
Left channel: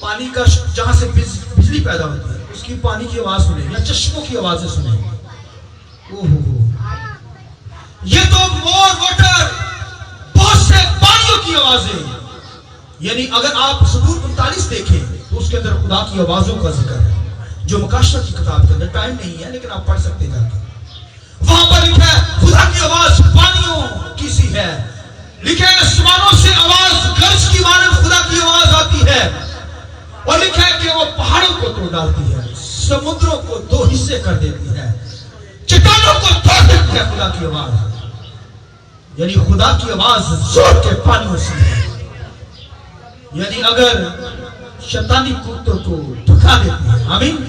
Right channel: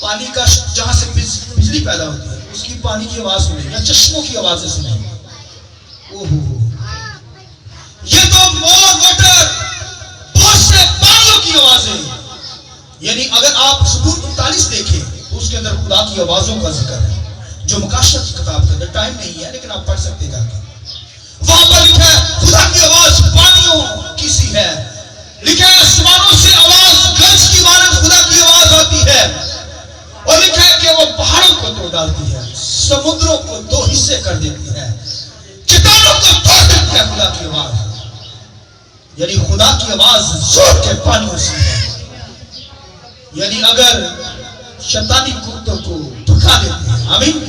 پانی کا جہاں سے بجلی پیدا ہوتی ہے اس کی پانی کی آواز سنیں، یا چشموں کی آوازیں سنیں، یہ تو مور واٹر، بہت سے پانیوں کی آوازیں، یعنی اگر آپ سبور 39 دیکھیں اس کے اندر خدا کی آوازوں کا ذکر ہے جو مکاشفہ کی کتاب کے اندر، ٹائم نہیں ہے لیکن آپ پڑھ سکتے جا کے، وہاں پر لکھا ہے خدا کی آواز پانیوں کی سی ہے، لکھا ہے آسمانوں سے آواز گرج کی مانند خدا کی آواز آتی ہے، اور لکھا ہے کہ وہ پہاڑوں کو توڑ ڈالتی ہے، سمندروں کو دو حصے کر دیتی ہے، چٹانوں کو توڑ دیتی ہے خدا کی آواز۔ یعنی خدا کی آواز زور کے پانیوں سے ہے، یعنی اگر شیطانی قوتوں کو دھکا دیتی ہے، آمین،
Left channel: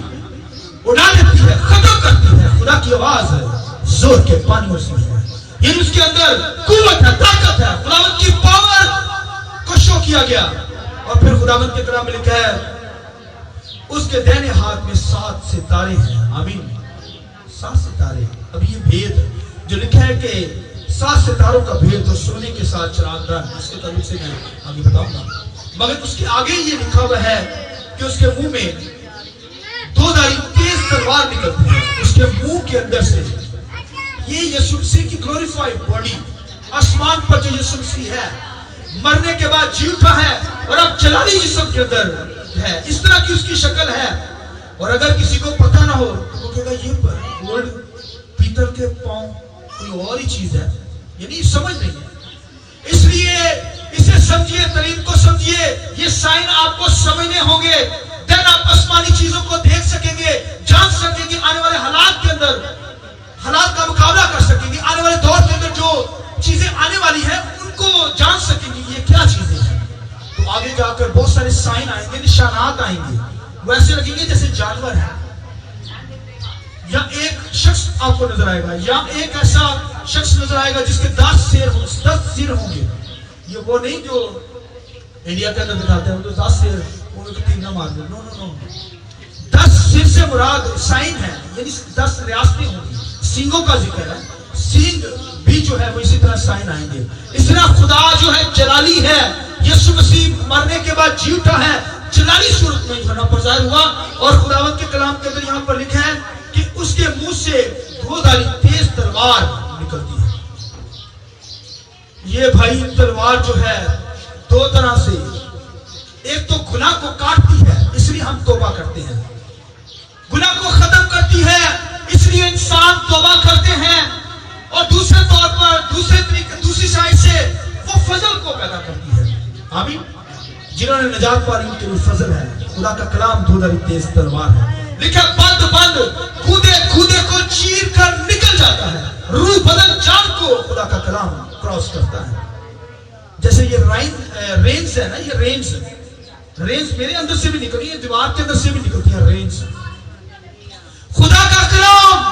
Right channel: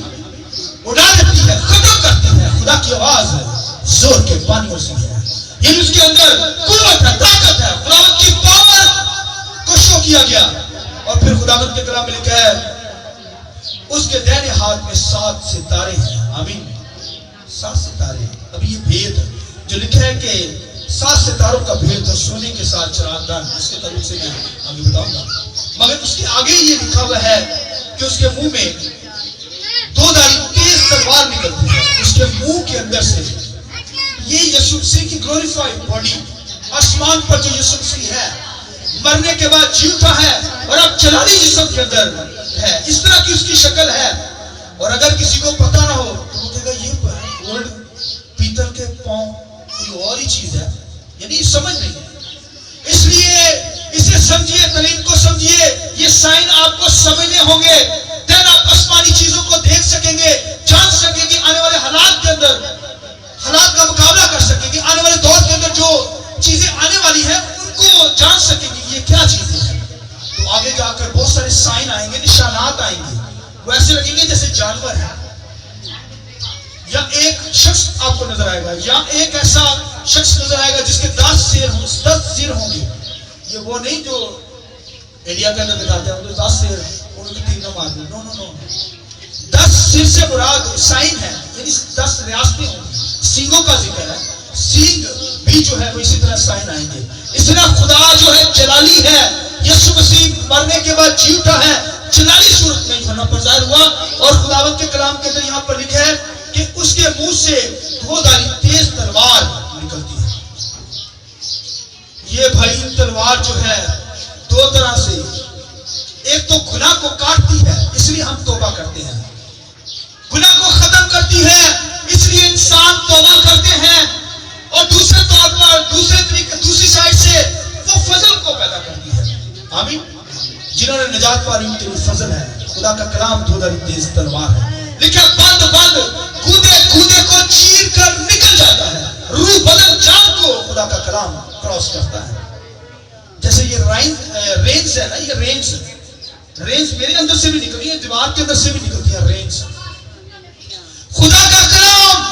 اڑا دیتی ہے، ختم کرتی ہے، خدا کی آواز ہے زور کے پانیوں سے ہے، یعنی اس کے اندر قوت ہے، طاقت ہے، خداوند کی پاور کو شو کیا گیا۔ اور پھر خداوند کے کلام میں لکھا ہے اس کے دائیں ہاتھ میں 7 ستارے ہیں، آمین، 7 ستارے۔ اب یہ بھید جو لکھا ہے کہ 7 ستاروں کا بھید اور سونے کے ساتھ چراغدان، اس کے تعلق سے میں آگے بتاؤں گا، مگر اس کے آگے یہ لکھا ہوا ہے کہ اس کے منہ میں 2 دھاری تیز تلوار نکلتی ہے، اس کے منہ کے اندر سے یہ یسوع مسیح کی گلوریفائیڈ باڈی، آسمان پر جو یسوع مسیح ہے، مرنے کے بعد جی اٹھا ہے اور اب جلالی جسم کے اندر ہے، اس طرح کی اس کی شکل ہے۔ اور اگر کسی کو پتہ نہ ہو تو وہ کہے گا یہ گولڈ پیتل کے پاؤں کوئی اور ہی چیز ہے، یعنی سمجھ نہیں ہے، اس لیے اسے سمجھیے، دلیل کو سمجھیے، یہ سائن آپ کو سمجھنے ہوں گے، دین آپ آسمانی چیزوں کو دیکھ سکیں گے، جان سکیں گے، آنے والے حالات کے اندر حالات کا مقابلہ کر سکیں گے، آنے والے دور کے اندر جو چیزیں آنے والی ہیں ان کو جان سکیں گے یہ کیا چیزیں ہیں۔ تو آگے جا کر بہت سارے سائن آئیں گے، نشانات آئیں گے، ویسے لگیں گے جیسے جانور ہے، یا ایک شخص آپ کو نظر آئے گا، یا ایک ایسا شخص نظر آئے گا جس کے 10 سر ہوں گے۔ یہ وہ نہیں جو انڈیا کے اندر دکھاتے ہیں، تو 10 سر ان کو تیر نہ مار دو، نو نو نو، 10 سر سے مراد سائن ہے، یعنی 10 ریاستیں ہوں گی، سینگوں کا ذکر ہے، سینگ بھی جو ہے وہ اسی طرح سائن آئیں گے۔ اس طرح خدا جو ہے جلالی ہے، یسوع مسیح مرنے کے بعد جی اٹھا ہے، جلالی صورت میں یہاں پر ظاہر ہوا، اور خداوند کے کلام کے اندر یہاں پر لکھا ہے کہ اس کے منہ سے 2 دھاری تیز تلوار نکلتی ہے۔ یہ بھائی تلوار جو ہے 2 طرح سے، ایک تو گناہ کو کاٹتی ہے، اس لیے ہم توبہ کرتے ہیں، گناہ کو ختم کرتی ہے اس لیے انسان توبہ کرتے ہیں، اور دوسرے طور پر دوسری سائڈ سے وہ فضل کو پیدا کرتی ہے، آمین، جنہوں نے نجات پا لی ان کے لیے فضل ہے۔ خدا کا کلام 2 دھاری تیز تلوار ہے، لکھا بند کودے کو چیر کر نکل جاتا ہے، روح بدن جان کو خدا کا کلام کراس کرتا ہے۔ جیسے یہ رینز ہے نا، یہ رینز میرے اندر سے بھی نکلی ہے، دیوار کے اندر سے بھی نکلتی ہے رینز۔ خدا کا کلام،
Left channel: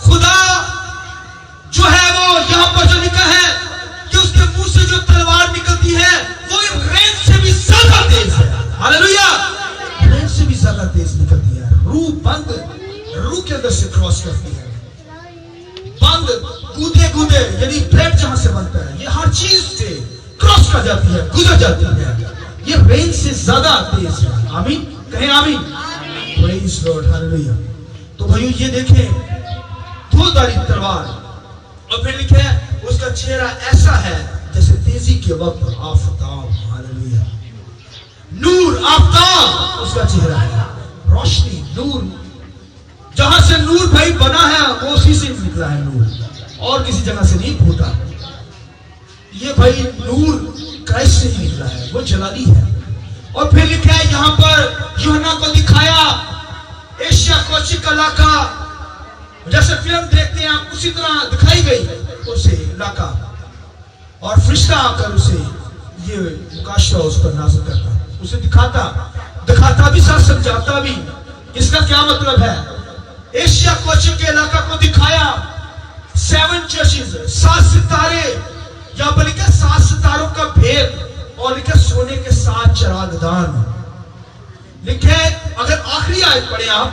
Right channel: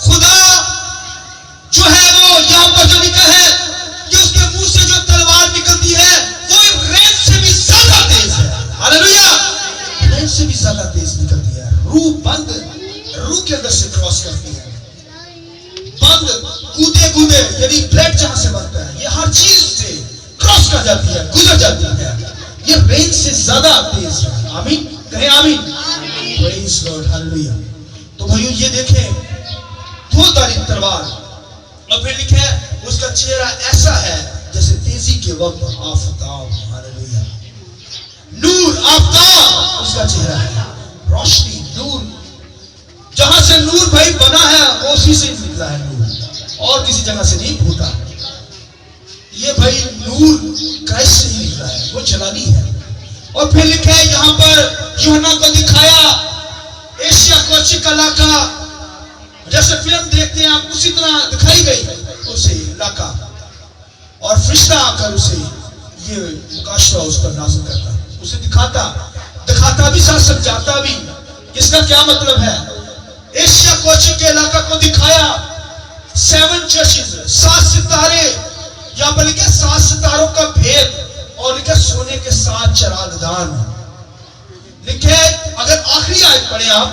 خدا جو ہے وہ یہاں پر جو لکھا ہے کہ اس کے منہ سے جو تلوار نکلتی ہے وہ رینز سے بھی زیادہ تیز ہے، ہاللیلویا، رینز سے بھی زیادہ تیز نکلتی ہے، روح بند روح کے اندر سے کراس کرتی ہے، بند کودے یعنی بلیڈ جہاں سے بنتا ہے، یہ ہر چیز سے کراس کر جاتی ہے، گزر جاتی ہے، یہ رینج سے زیادہ تیز ہے، آمین، کہیں آمین، پریز لارڈ، ہاللیلویا۔ تو بھائیو یہ دیکھیں 2 دھاری تلوار، اور پھر لکھا ہے اس کا چہرہ ایسا ہے جیسے تیزی کے وقت آفتاب، ہاللیلویا، نور، آفتاب اس کا چہرہ ہے، روشنی، نور، جہاں سے نور بھائی بنا ہے وہ اسی سے نکلا ہے، نور اور کسی جگہ سے نہیں پھوٹا، یہ بھائی نور کرائسٹ سے ہی نکلا ہے، وہ جلالی ہے۔ اور پھر لکھا ہے یہاں پر یوحنا کو دکھایا ایشیا کوچک کا علاقہ، جیسے فلم دیکھتے ہیں آپ اسی طرح دکھائی گئی اسے علاقہ، اور فرشتہ آ کر اسے یہ مکاشفہ اس پر نازل کرتا، اسے دکھاتا بھی ساتھ سمجھاتا بھی۔ اس کا کیا مطلب ہے؟ ایشیا کوچک کے علاقہ کو دکھایا 7 چرچز، 7 ستارے، یہاں پر لکھا 7 ستاروں کا بھید، اور لکھا سونے کے 7 چراغدان، لکھے اگر آخری آیت پڑھیں آپ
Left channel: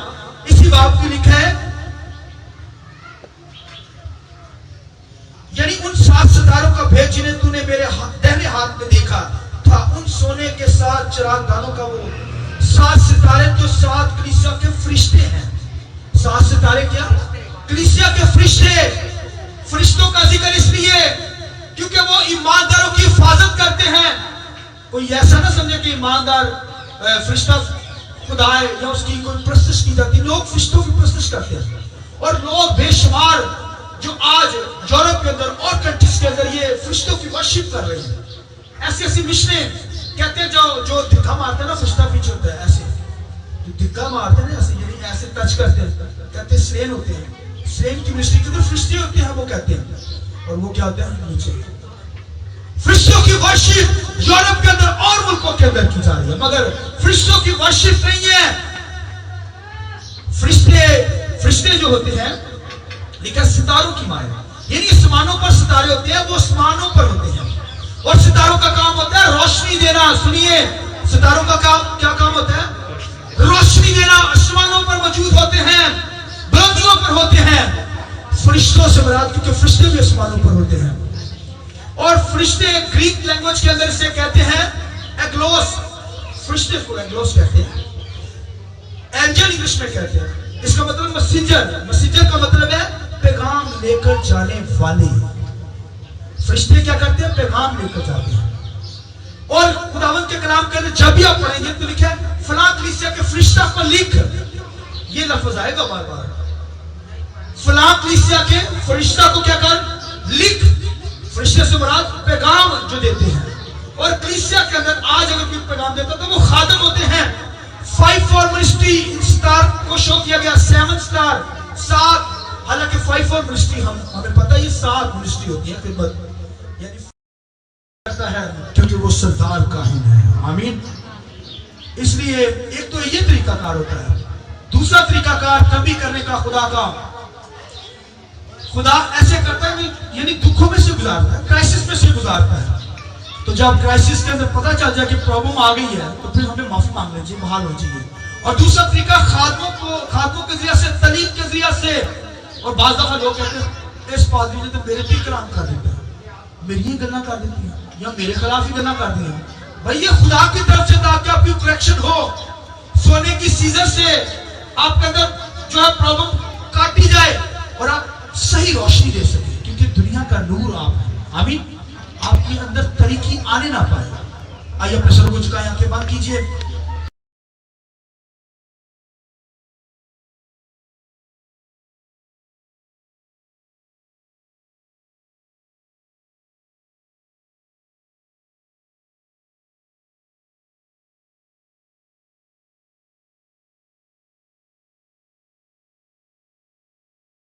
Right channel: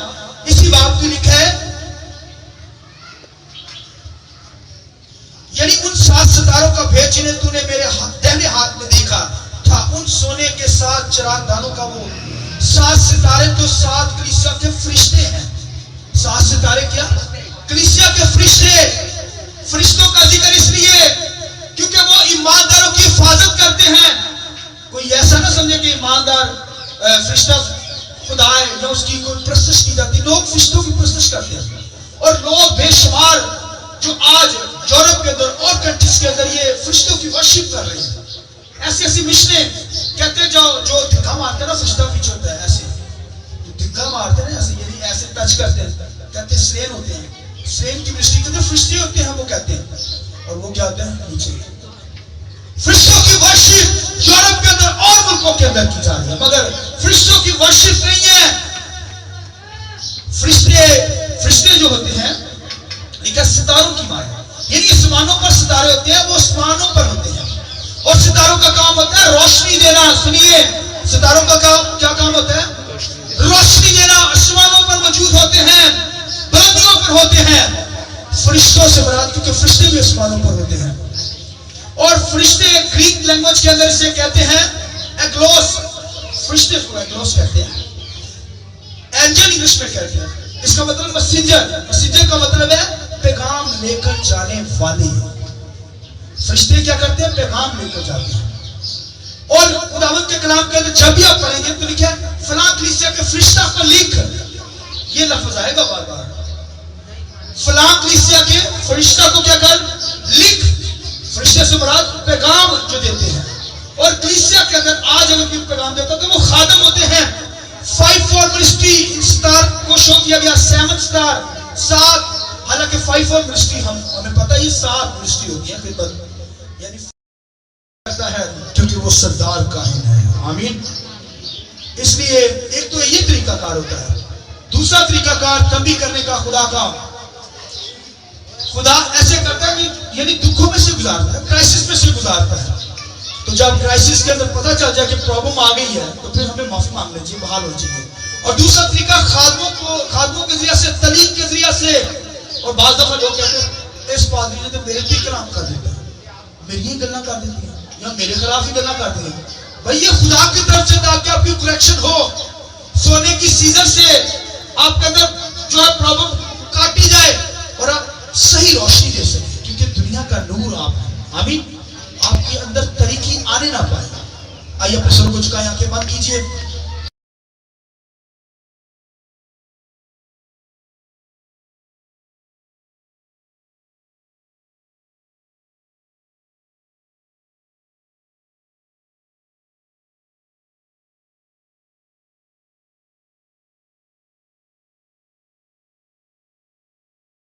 اسی باب کی، لکھا ہے یعنی ان 7 ستاروں کا بھید جنہیں تو نے میرے دہنے ہاتھ میں دیکھا تھا، ان سونے کے 7 چراغدانوں کا وہ 7 ستارے جو 7 کلیسیا کے فرشتے ہیں۔ 7 ستارے کیا؟ کلیسیا کے فرشتے، فرشتوں کا ذکر اس لیے کیونکہ وہ ایمانداروں کی حفاظت کرتے ہیں۔ کوئی ایسا نہ سمجھے کہ ایماندار फरिश्ता खुदा है या उसकी कोई प्रस्तुत की जाती, लोग फरिश्तों की प्रस्तुत करते हैं। और लोग बेशुमार जो आज यूरोप के अंदर और कंट्रीज के अंदर ये फरिश्तों की वर्शिप कर रहे हैं। ऐसी ऐसी मिशनें कहते हैं जो धिक्का मारते हैं ना, फरिश्ता पीछे होता है, ऐसे धिक्का मारते हैं ऐसे, यानी ऐसे टच करते हैं, कहते हैं स्ट्रेन होते हैं, स्ट्रेन की मिनिस्ट्री के अंदर फरिश्ते होते हैं, वो कहते हैं, और वो क्या होते हैं नीचे। फरिश्तों की वर्शिप यूरोप के अंदर और मुल्कों के अंदर की जा रही है, मगर फरिश्तों की वर्शिप नहीं है। फरिश्ते जो होते हैं लिखा सितारों की माया, यानी आसमानों पर सितारे होते हैं, वो आसमानों पर होते हैं, और सितारों का काम होता है रोशनी देना। सुनिए, सितारों का काम क्या काम होता है? रोशनी देना। आसमानों पर मौजूद होते हैं, बुलंदियों पर होते हैं। फरिश्तों से मुराद, क्योंकि फरिश्ते भी आसमानों पर होते हैं। और फरिश्ते ग्रीक लैंग्वेज के अंदर से कहते हैं एग्लोस, फरिश्ते को एग्लोस कहते हैं, एंजल इंग्लिश में कहते हैं। इसका मतलब मैसेंजर, मैसेंजर का मतलब है पैगाम लेकर जाने वाले। फरिश्ते क्या करते हैं? पैगाम लेकर जाते हैं। और खुदावंद के कलाम के अंदर जब भी आप पढ़ेंगे तो लिखा है फलां कलीसिया के फरिश्ता को लिख, ये लफ्ज आएगा बार बार। फलां कलीसिया के फरिश्ता को क्या कर? लिख। फरिश्ते से मुराद पैगाम जो देते हैं। और कलीसिया के अंदर आज अगर कोई पैगाम देता तो वो खादम होते हैं। 5 फॉर मिनिस्ट्री स्टार को शो किया गया, 7 स्टार, 7। हालांकि 5 फॉर मिनिस्ट्री हमें पता ही 7 मिनिस्ट्री होती है खिदमत, यानी करता है क्योंकि वो सरदार काहिन है। आमीन। इसलिए एक तो ये तरीकाकार होता है। दूसरा तरीकाकार तंबी करने का खुदा ऐसे करता है कि यानी दुखों में से गुजारता है, क्राइसिस में से गुजारता है। तो जब क्राइसिस के अंदर पता चल जाए कि प्रॉब्लम आ गई है तो फिर हमें माफी मांग लेनी चाहिए, बहाल होनी चाहिए। और दूसरा तरीका खादमों के जरिए से, तलीम के जरिए से। और बाज़ दफा लोग कहते हैं इस पादरी ने तो मेरे पे कलाम कर देता है, मेरी ही गल्ला कर देती है, या मेरे खिलाफ ही गल्ला कर दी है। भाई ये खुदा की तरफ से ताकि आपकी करेक्शन हो, सोने की सीजन से आपके अंदर जो है प्रॉब्लम काटी जाए और आप सही रोशनी दे सके, क्योंकि दुनिया का नूर आप है। आमीन। आपके अंदर तरीकी आने ना पाए। आइए अपने सर को झुकाएं, आंखें बंद कीजिए।